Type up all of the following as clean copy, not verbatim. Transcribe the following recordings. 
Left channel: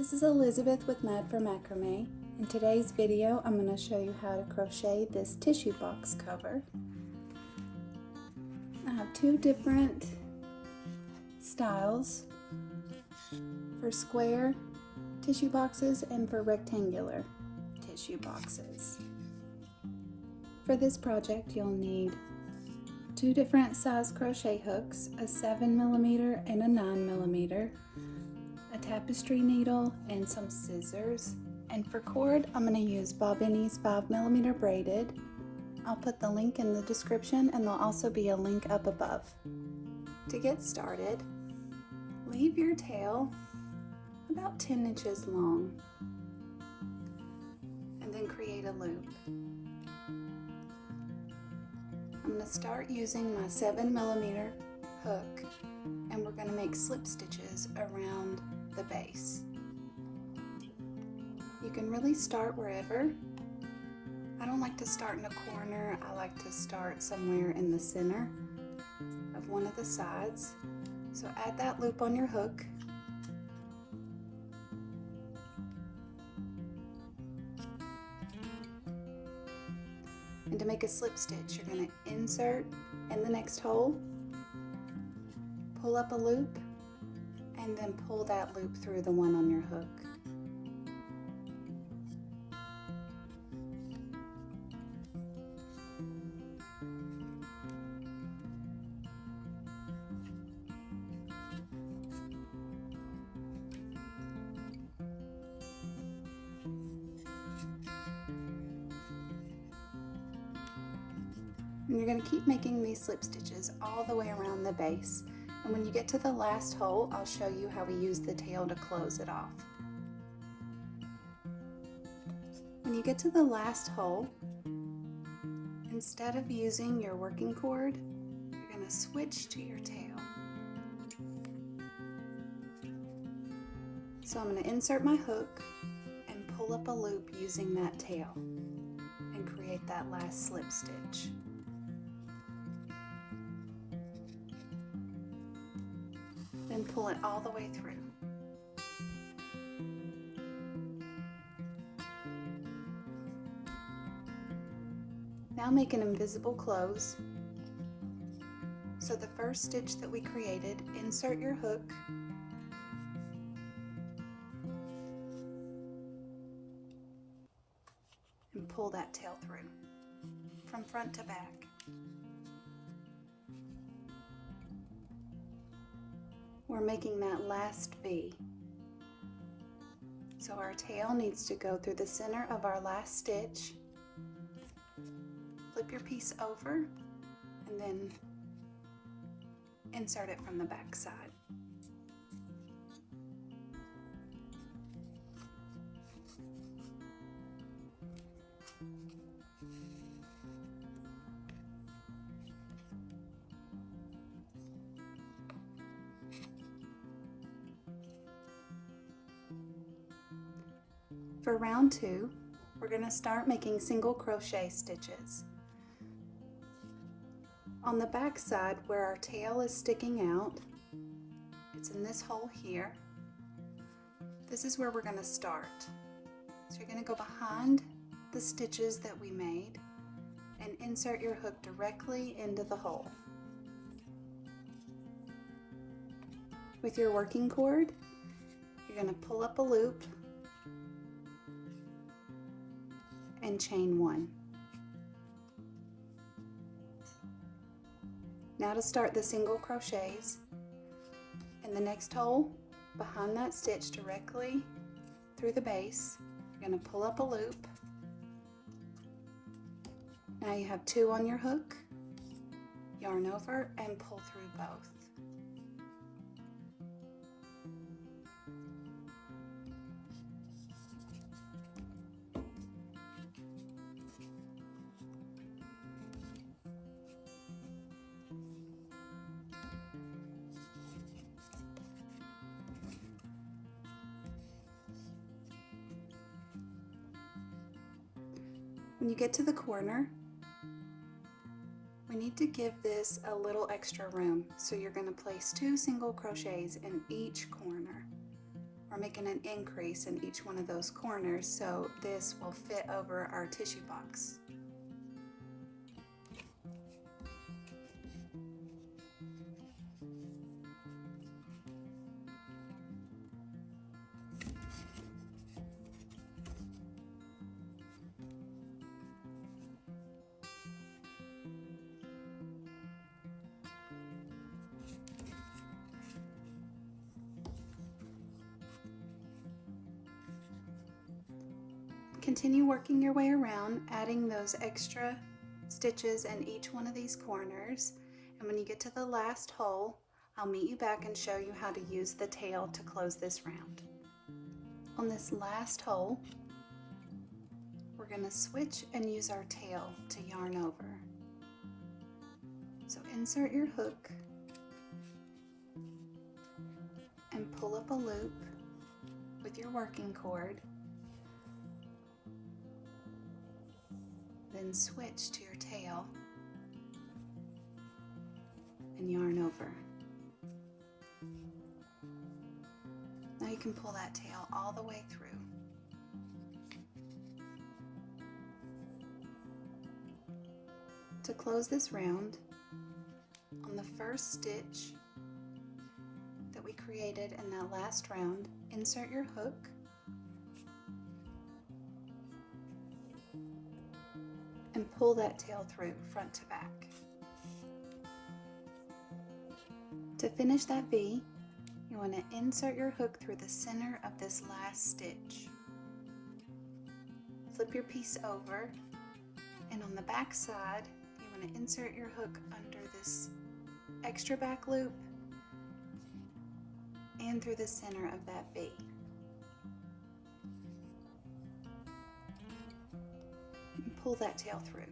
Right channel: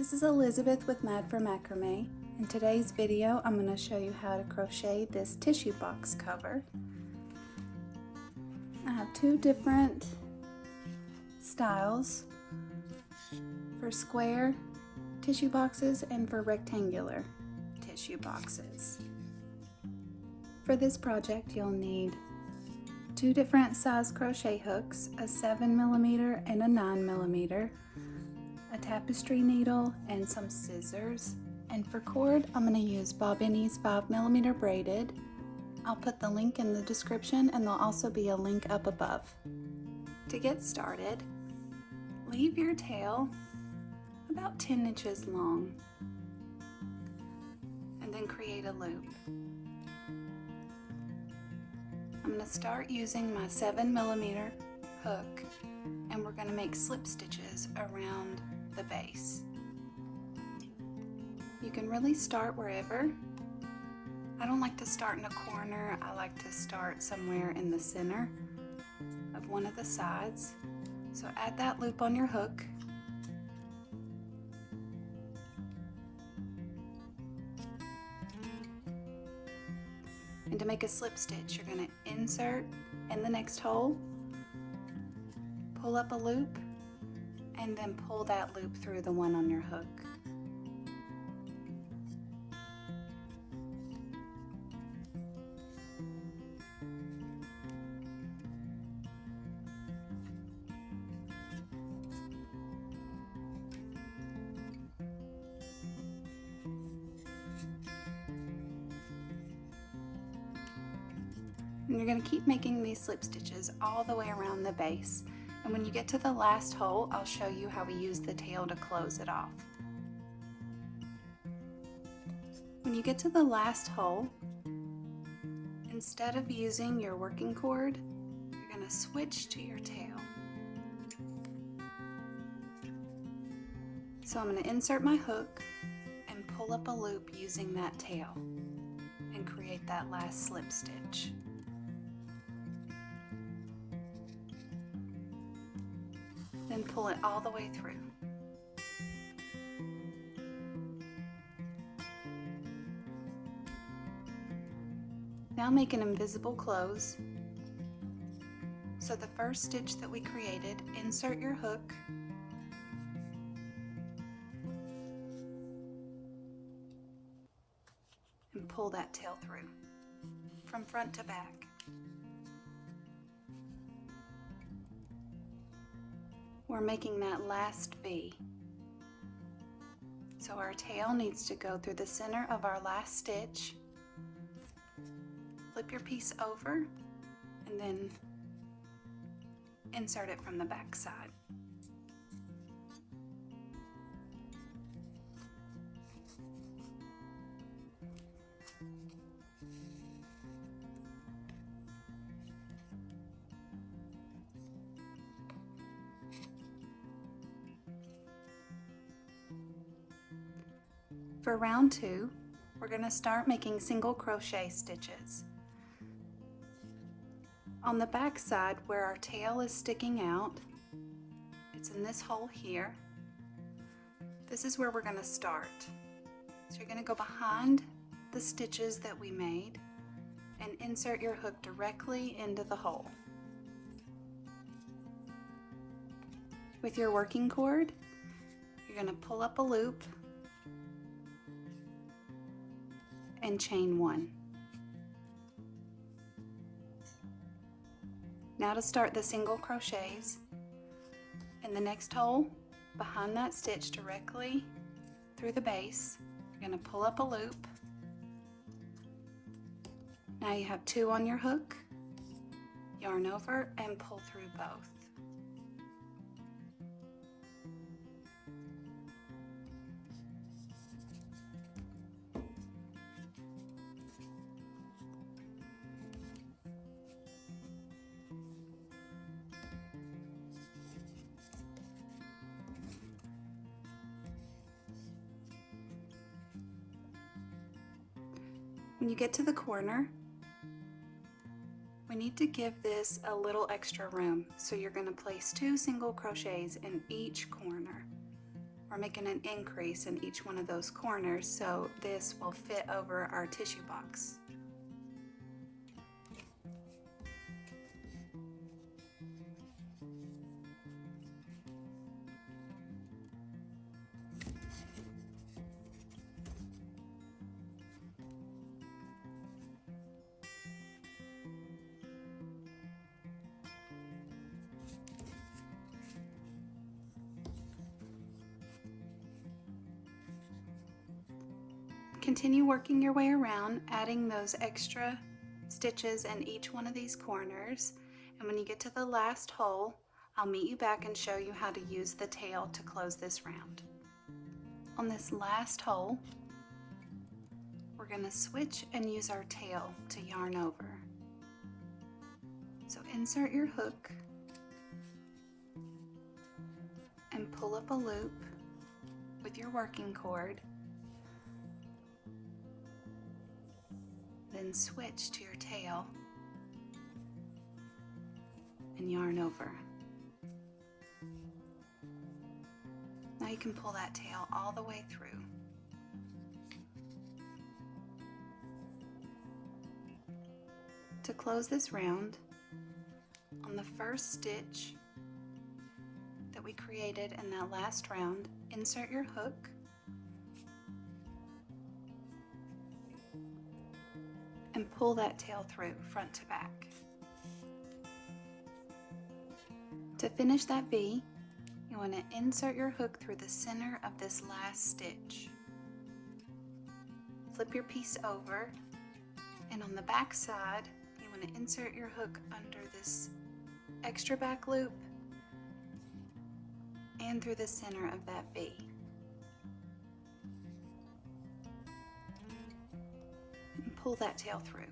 This is Elizabeth with Mad for Macrame. In today's video, I'm going to show you how to crochet this tissue box cover. I have two different styles for square tissue boxes and for rectangular tissue boxes. For this project, you'll need two different size crochet hooks, a 7mm and a 9mm, a tapestry needle, and some scissors. And for cord, I'm going to use Bobbiny's 5mm braided. I'll put the link in the description, and there'll also be a link up above. To get started, leave your tail about 10 inches long, and then create a loop. I'm going to start using my 7mm hook, and we're going to make slip stitches around the base. You can really start wherever. I don't like to start in a corner. I like to start somewhere in the center of one of the sides. So add that loop on your hook. And to make a slip stitch, you're going to insert in the next hole, pull up a loop, and then pull that loop through the one on your hook. And you're going to keep making these slip stitches all the way around the base. And when you get to the last hole, I'll show you how we use the tail to close it off. When you get to the last hole, instead of using your working cord, you're going to switch to your tail. So I'm going to insert my hook and pull up a loop using that tail and create that last slip stitch. Then pull it all the way through. Now make an invisible close. So the first stitch that we created, insert your hook, and pull that tail through from front to back. We're making that last V. So our tail needs to go through the center of our last stitch. Flip your piece over and then insert it from the back side. For round 2, we're going to start making single crochet stitches. On the back side where our tail is sticking out, it's in this hole here. This is where we're going to start. So you're going to go behind the stitches that we made and insert your hook directly into the hole. With your working cord, you're going to pull up a loop and chain 1. Now to start the single crochets, in the next hole behind that stitch directly through the base, you're going to pull up a loop. Now you have 2 on your hook, yarn over and pull through both. When you get to the corner, we need to give this a little extra room. So you're going to place 2 single crochets in each corner. we're making an increase in each one of those corners, so this will fit over our tissue box. Continue working your way around, adding those extra stitches in each one of these corners, and when you get to the last hole, I'll meet you back and show you how to use the tail to close this round. On this last hole, we're going to switch and use our tail to yarn over. So insert your hook and pull up a loop with your working cord. Then switch to your tail and yarn over. Now you can pull that tail all the way through. To close this round, on the first stitch that we created in that last round, insert your hook and pull that tail through front to back. To finish that V, you want to insert your hook through the center of this last stitch. Flip your piece over, and on the back side, you want to insert your hook under this extra back loop and through the center of that V. And pull that tail through.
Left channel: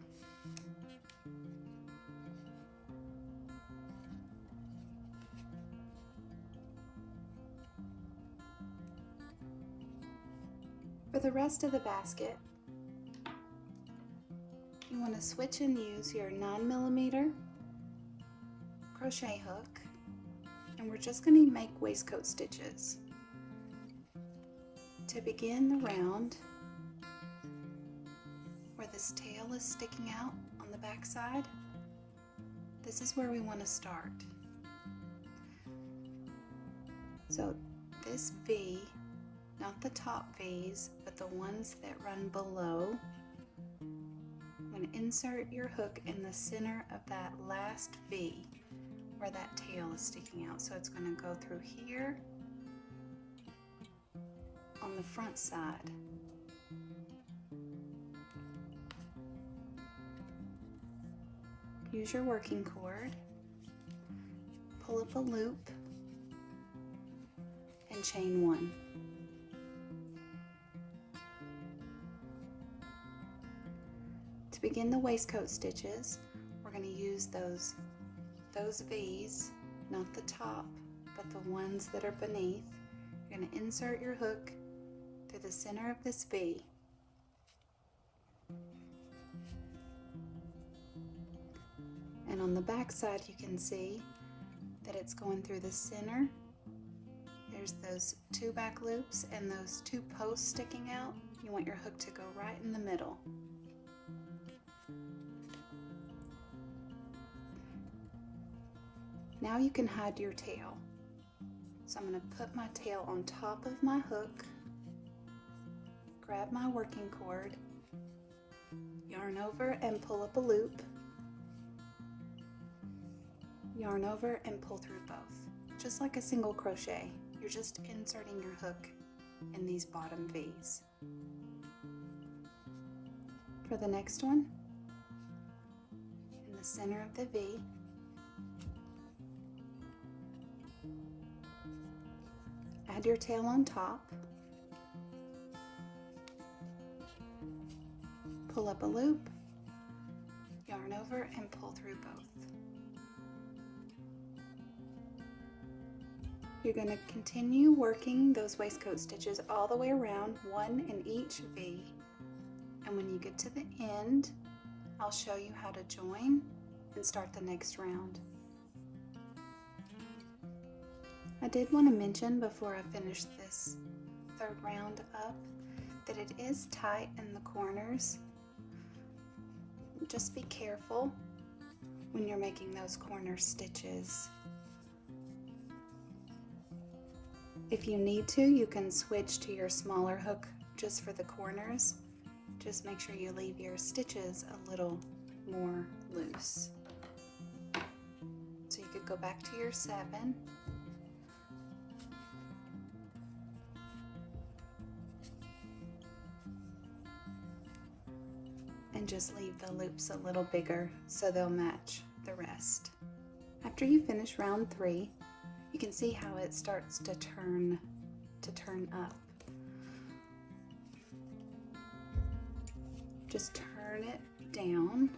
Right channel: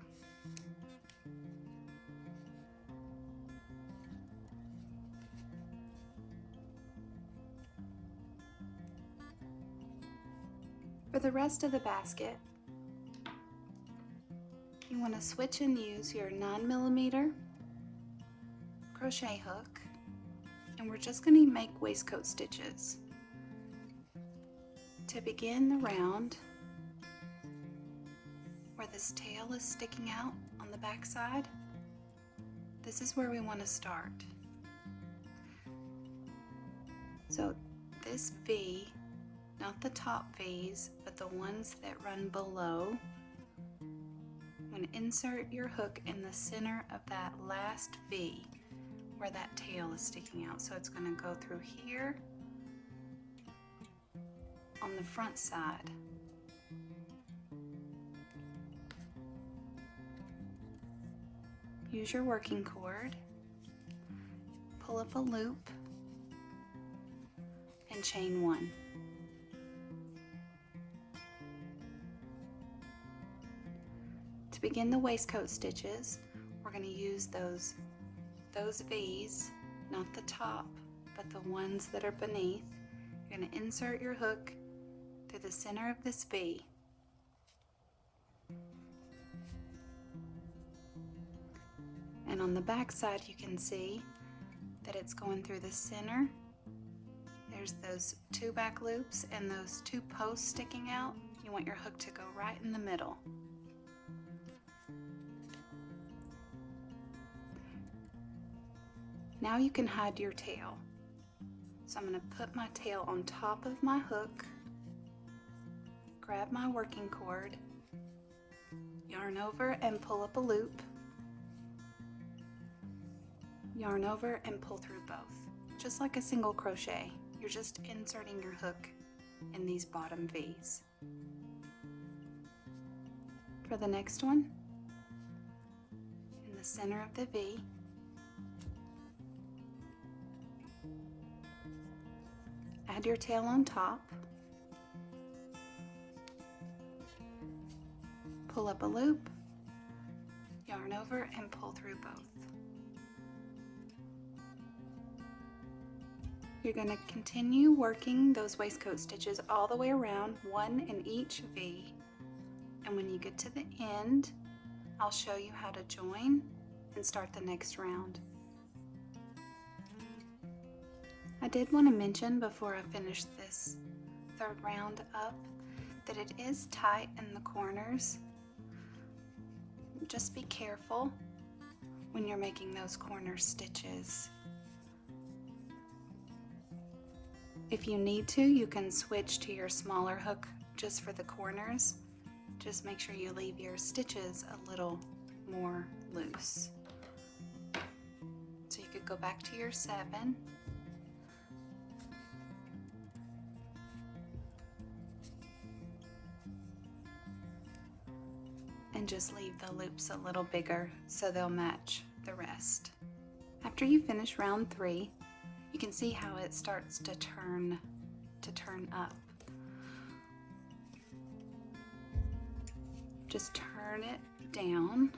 For the rest of the basket, you want to switch and use your 9mm crochet hook, and we're just going to make waistcoat stitches. To begin the round, where this tail is sticking out on the back side, this is where we want to start. So this V, not the top V's, but the ones that run below, I'm going to insert your hook in the center of that last V where that tail is sticking out. So it's going to go through here on the front side. Use your working cord, pull up a loop, and chain one. To begin the waistcoat stitches, we're going to use those V's, not the top, but the ones that are beneath. You're going to insert your hook through the center of this V. And on the back side, you can see that it's going through the center. There's those two back loops and those two posts sticking out. You want your hook to go right in the middle. Now you can hide your tail. So I'm going to put my tail on top of my hook, grab my working cord, yarn over and pull up a loop, yarn over and pull through both. Just like a single crochet, you're just inserting your hook in these bottom V's. For the next one, in the center of the V, add your tail on top, pull up a loop, yarn over and pull through both. You're going to continue working those waistcoat stitches all the way around, one in each V, and when you get to the end, I'll show you how to join and start the next round. I did want to mention before I finish this third round up that it is tight in the corners. Just be careful when you're making those corner stitches. If you need to, you can switch to your smaller hook just for the corners. Just make sure you leave your stitches a little more loose. So you could go back to your 7. And just leave the loops a little bigger so they'll match the rest. After you finish round 3, you can see how it starts to turn up. Just turn it down.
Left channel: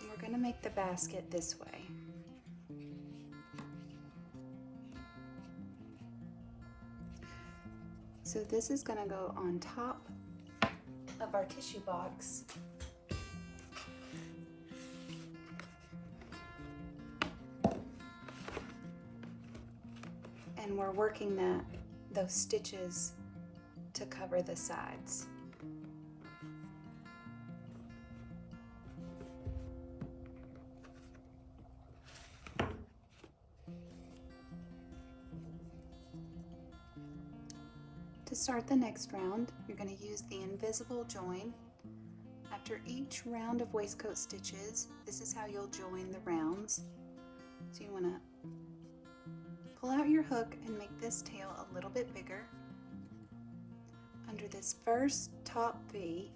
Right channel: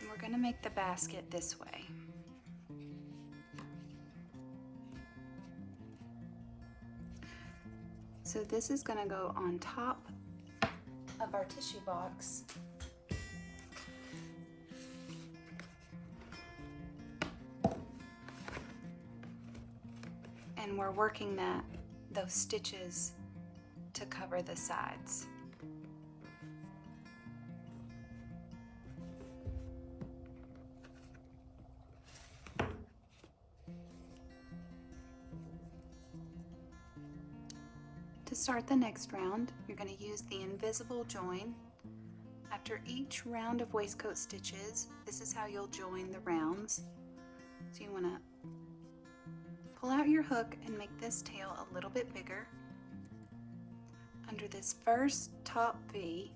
And we're going to make the basket this way. So this is going to go on top of our tissue box. And we're working those stitches to cover the sides. To start the next round, you're going to use the invisible join. After each round of waistcoat stitches, this is how you'll join the rounds. So you want to pull out your hook and make this tail a little bit bigger. Under this first top V,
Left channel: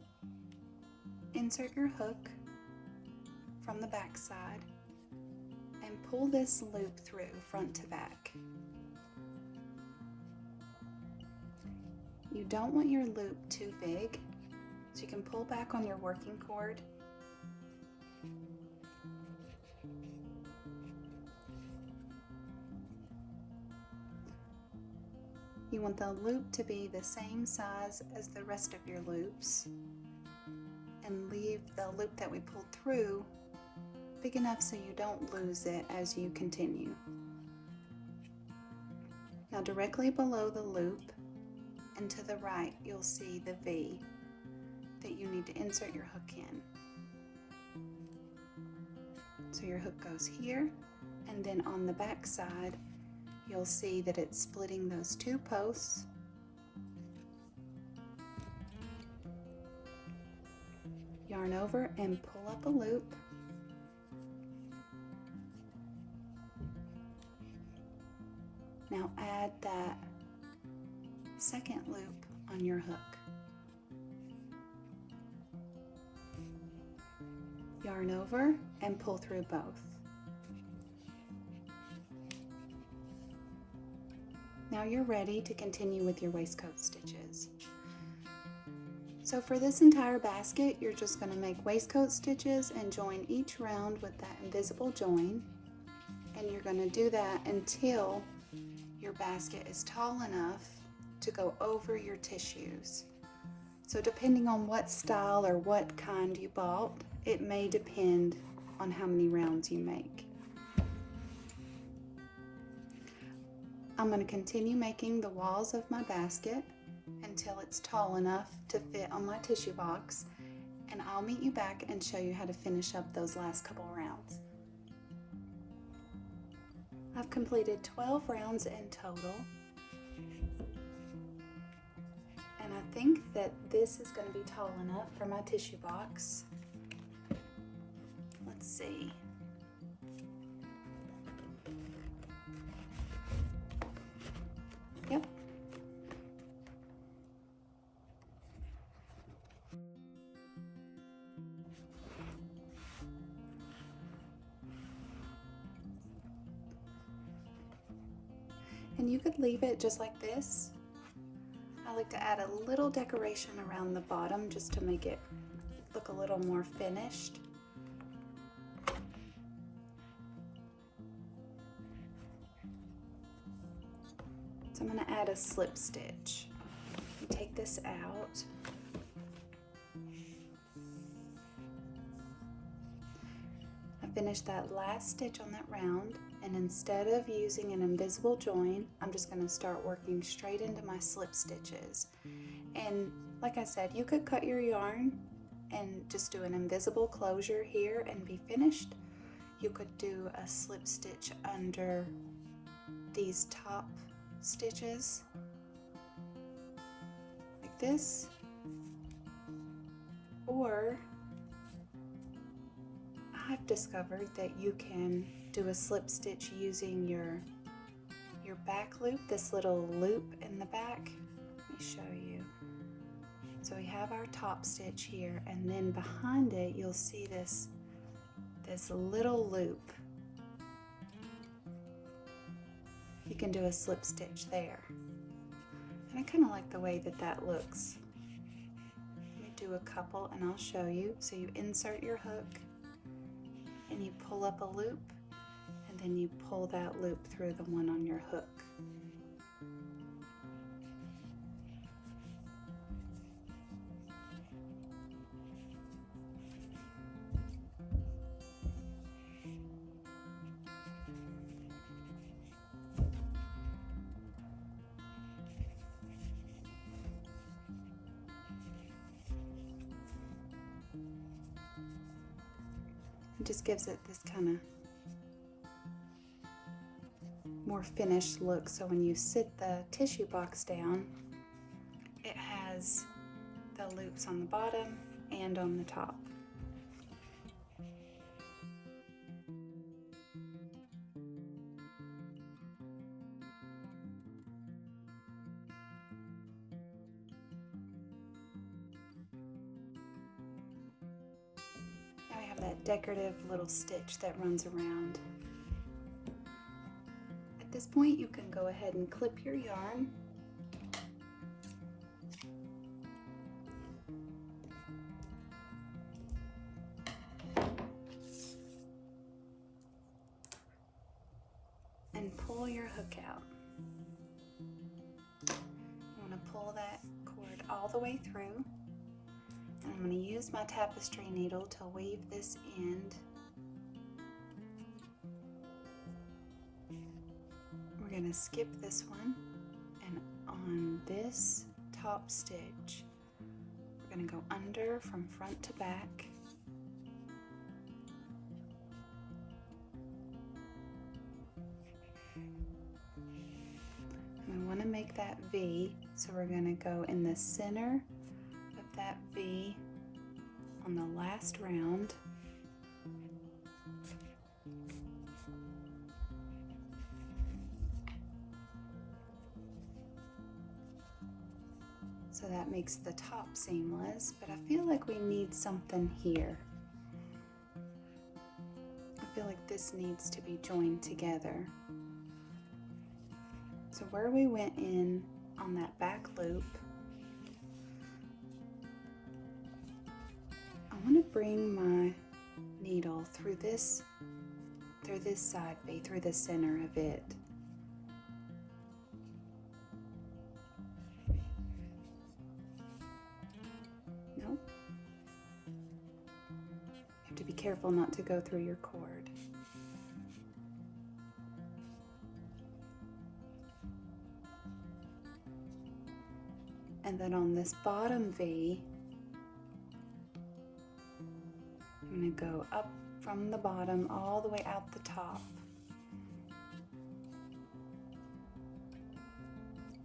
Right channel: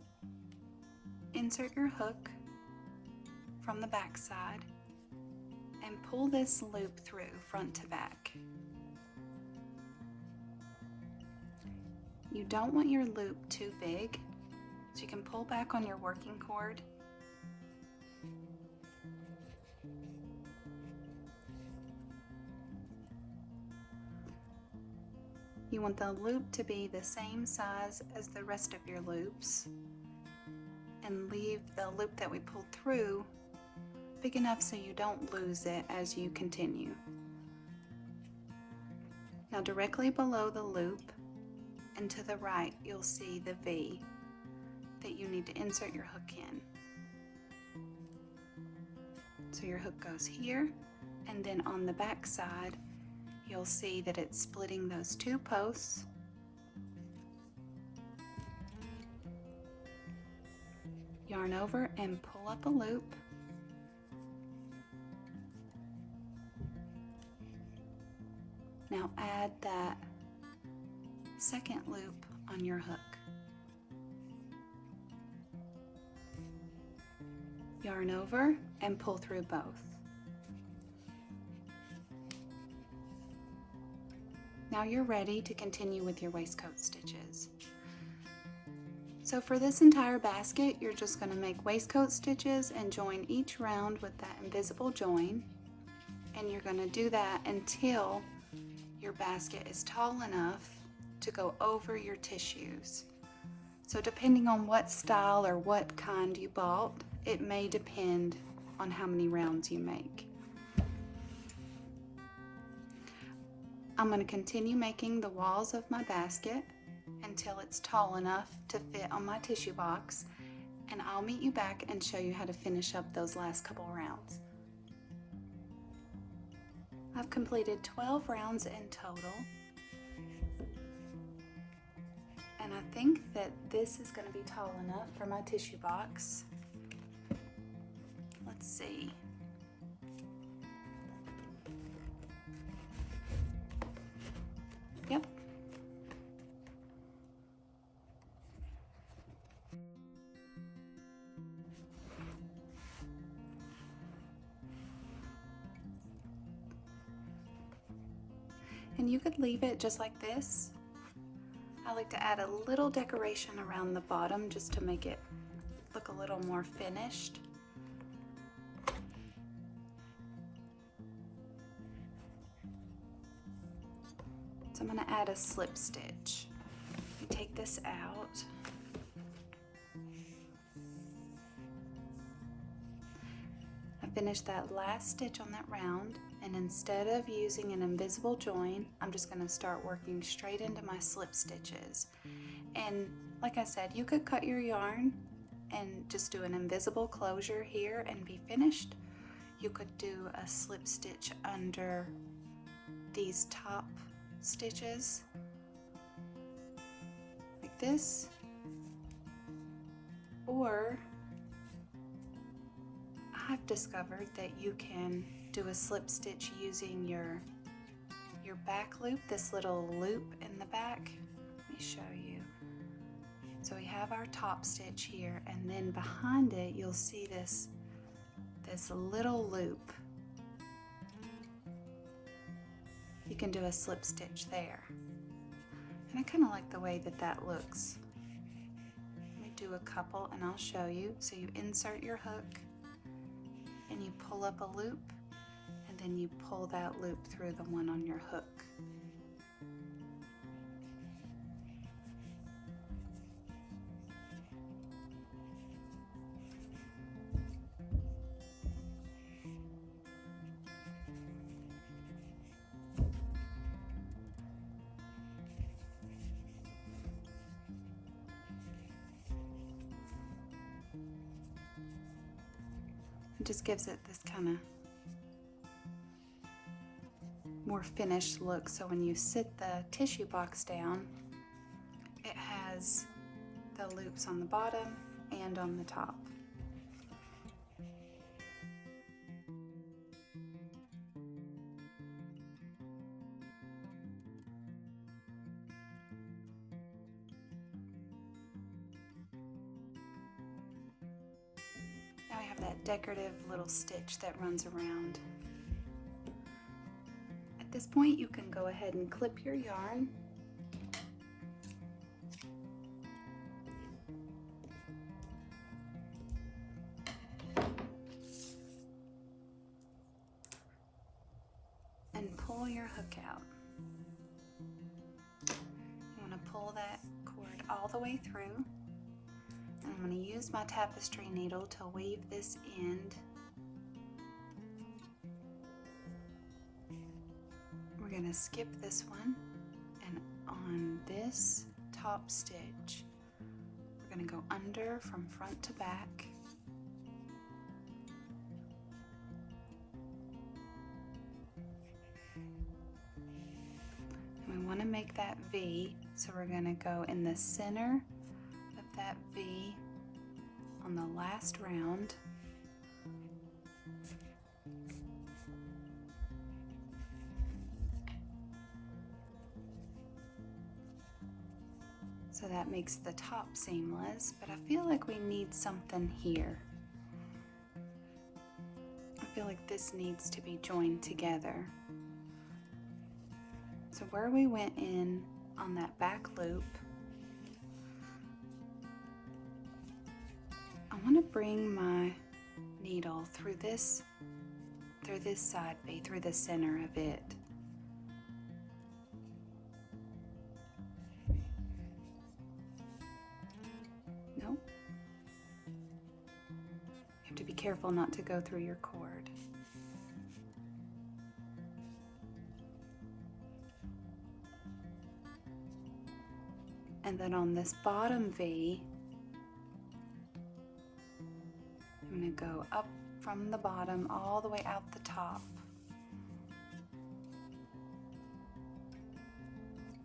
insert your hook from the back side and pull this loop through front to back. You don't want your loop too big, so you can pull back on your working cord. You want the loop to be the same size as the rest of your loops, and leave the loop that we pulled through big enough so you don't lose it as you continue. Now directly below the loop and to the right, you'll see the V that you need to insert your hook in. So your hook goes here, and then on the back side, you'll see that it's splitting those 2 posts. Yarn over and pull up a loop. Now add that second loop on your hook. Yarn over and pull through both. Now you're ready to continue with your waistcoat stitches. So for this entire basket, you're just going to make waistcoat stitches and join each round with that invisible join. And you're going to do that until your basket is tall enough to go over your tissues. So depending on what style or what kind you bought, it may depend on how many rounds you make. I'm going to continue making the walls of my basket until it's tall enough to fit on my tissue box, and I'll meet you back and show you how to finish up those last couple rounds. I've completed 12 rounds in total, and I think that this is going to be tall enough for my tissue box. Let's see. Yep. And you could leave it just like this. I like to add a little decoration around the bottom just to make it look a little more finished. So I'm going to add a slip stitch. Take this out. I finished that last stitch on that round, And instead of using an invisible join, I'm just going to start working straight into my slip stitches. And like I said, you could cut your yarn and just do an invisible closure here and be finished. You could do a slip stitch under these top stitches like this, or I've discovered that you can do a slip stitch using your back loop, this little loop in the back. Let me show you. So we have our top stitch here, and then behind it you'll see this little loop. You can do a slip stitch there. And I kind of like the way that that looks. Let me do a couple and I'll show you. So you insert your hook and you pull up a loop, and then you pull that loop through the one on your hook. It just gives it this kind of more finished look. So when you sit the tissue box down, it has the loops on the bottom and on the top. Now I have that decorative little stitch that runs around. At this point, you can go ahead and clip your yarn. And pull your hook out. You want to pull that cord all the way through. And I'm going to use my tapestry needle to weave this end. We're going to skip this one, and on this top stitch, we're going to go under from front to back. And we want to make that V, so we're going to go in the center of that V on the last round. So that makes the top seamless, but I feel like we need something here. I feel like this needs to be joined together. So where we went in on that back loop, I want to bring my needle through this side V, through the center of it. Nope. You have to be careful not to go through your cord. And then on this bottom V, I'm going to go up from the bottom all the way out the top.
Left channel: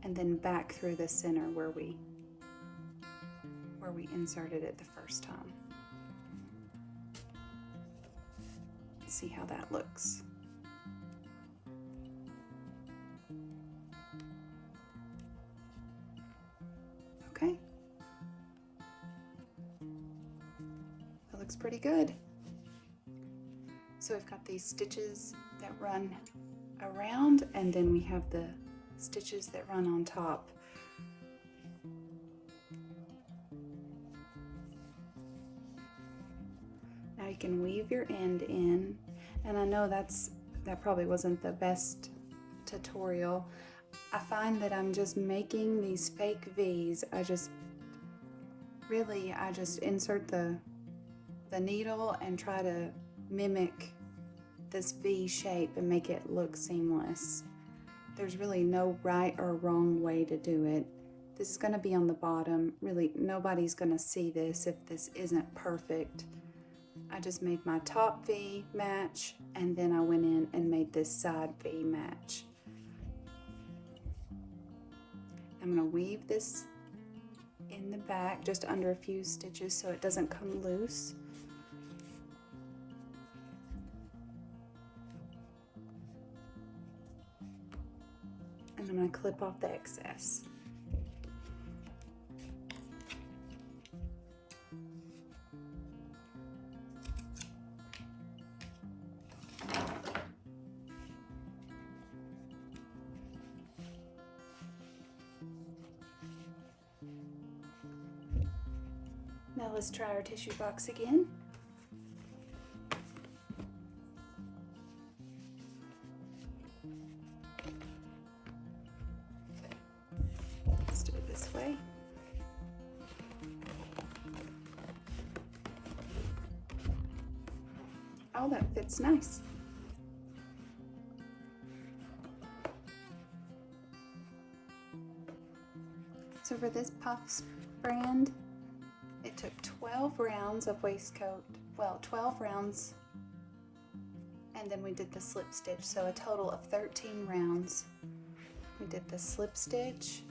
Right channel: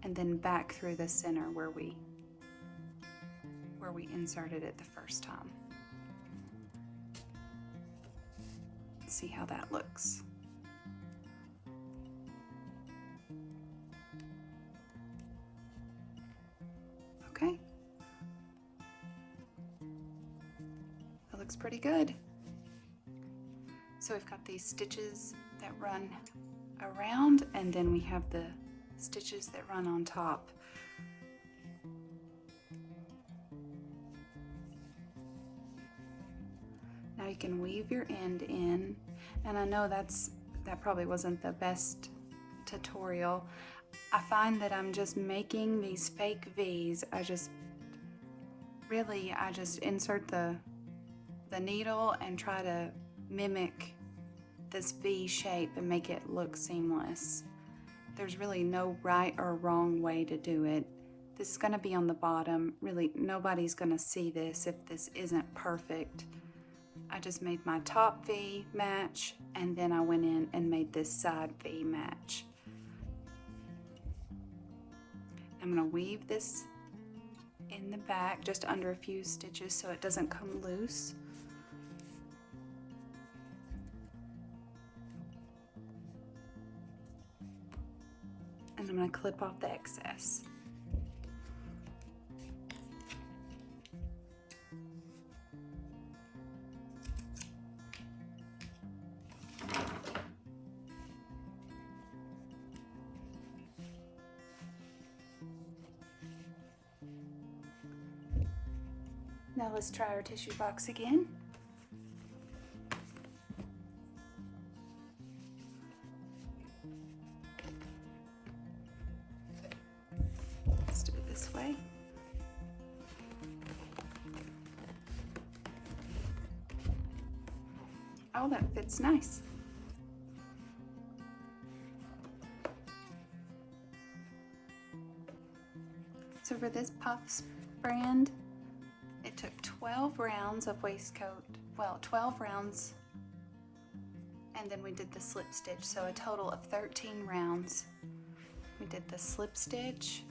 And then back through the center where we inserted it the first time. Let's see how that looks. Okay. That looks pretty good. So we've got these stitches that run around, and then we have the stitches that run on top. Now you can weave your end in, and I know that probably wasn't the best tutorial. I find that I'm just making these fake V's. I just insert the needle and try to mimic this V shape and make it look seamless. There's really no right or wrong way to do it. This is going to be on the bottom. Really, nobody's going to see this if this isn't perfect. I just made my top V match, and then I went in and made this side V match. I'm going to weave this in the back just under a few stitches so it doesn't come loose. And I'm going to clip off the excess. Now let's try our tissue box again. Let's do it this way. Oh, that fits nice. So for this Puffs brand, it took 12 rounds of waistcoat, well, 12 rounds, and then we did the slip stitch, so a total of 13 rounds. We did the slip stitch,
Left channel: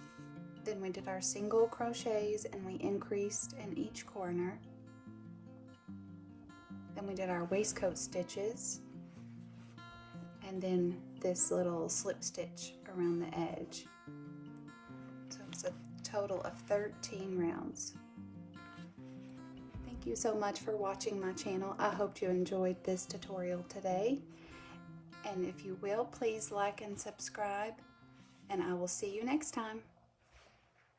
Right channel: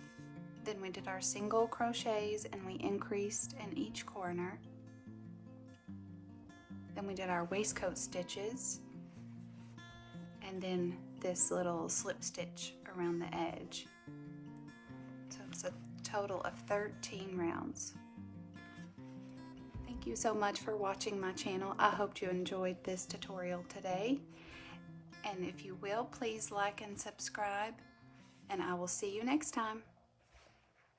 then we did our single crochets, and we increased in each corner. Then we did our waistcoat stitches, and then this little slip stitch around the edge. So it's a total of 13 rounds. Thank you so much for watching my channel. I hope you enjoyed this tutorial today. And if you will, please like and subscribe, and I will see you next time.